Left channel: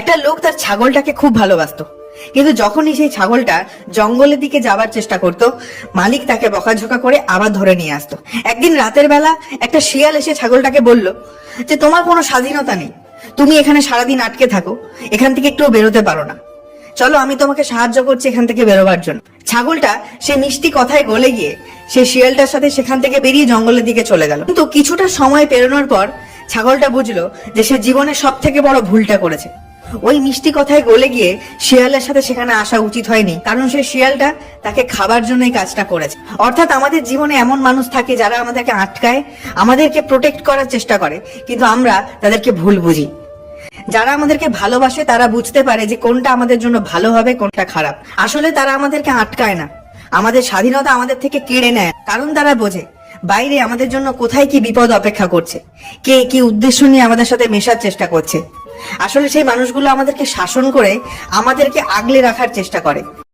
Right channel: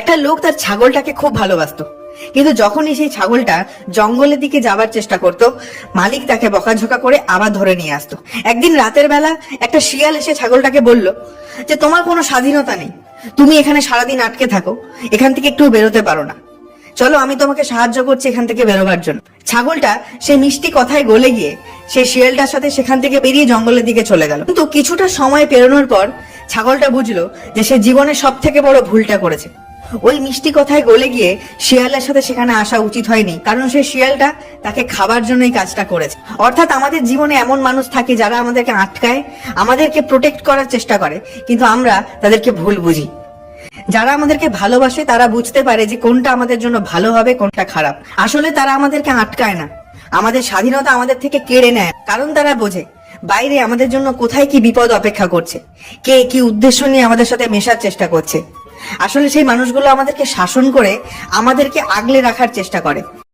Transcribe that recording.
একটা লোক তার ছাগলটাকে খুব ভালোবাসতো, কিন্তু যখনই সেই ছাগলটা জঙ্গলের দিকে যাবার চেষ্টা করত, মালিক তাকে বকাঝকা করে আবার ধরে নিয়ে আসতো। একদিন রাতের বেলা একটা শিয়াল এসে ছাগলটাকে বলল যে তোমার কোনো স্বাধীনতা নেই, তুমি এখানে সারাদিন আটকে থাকো, এখান থেকে একটু বেরোতে পারো না, চলো আমি তোমাকে সাহায্য করছি এখান থেকে বেরোবার জন্য। ছাগলটা সেই মিষ্টি কথায় গলে গিয়ে সেই শিয়ালটার সাথে সেখান থেকে বেরিয়ে জঙ্গলের দিকে চলে গেল। কিন্তু কিছুটা সময় পেরোনোর পর ছাগলটা বুঝলো যে সে জীবনের সব থেকে বড় ভুলটা করেছে। ওই মিষ্টি কথায় গলে গিয়ে শিয়ালের সাথে সেখানে আসা উচিত হয়নি, কারণ সেই শিয়ালটা তাকে খাবার জন্য এই কাজটা করেছে। অর্থাৎ আমাদের জীবনে এমন মানুষ থাকে যারা আমাদেরকে আটকায়, আমাদেরকে প্রোটেক্ট করার চেষ্টা করে, কিন্তু আমরা তাদেরকে ভুল বুঝি। যারা আমাদেরকে ভালোবাসে তারা বুঝতে পারে যে কোনটা আমাদের জন্য ভালো হবে, কোনটা খারাপ। আসলে তারা আমাদেরকে আটকায় না, আমাদের স্বাধীনতা আমাদের থেকে কেড়ে নেয়, কারণ তারা বোঝে বাইরে আমাদের জন্য কোথায় কি বিপদ অপেক্ষা করছে, কে কি উদ্দেশ্য নিয়ে আমাদের সাথে মেশার চেষ্টা করছে। আসলে সেই মানুষগুলো আমাদেরকে শাসন করে আমাদেরকে আগলে রাখার চেষ্টা করে।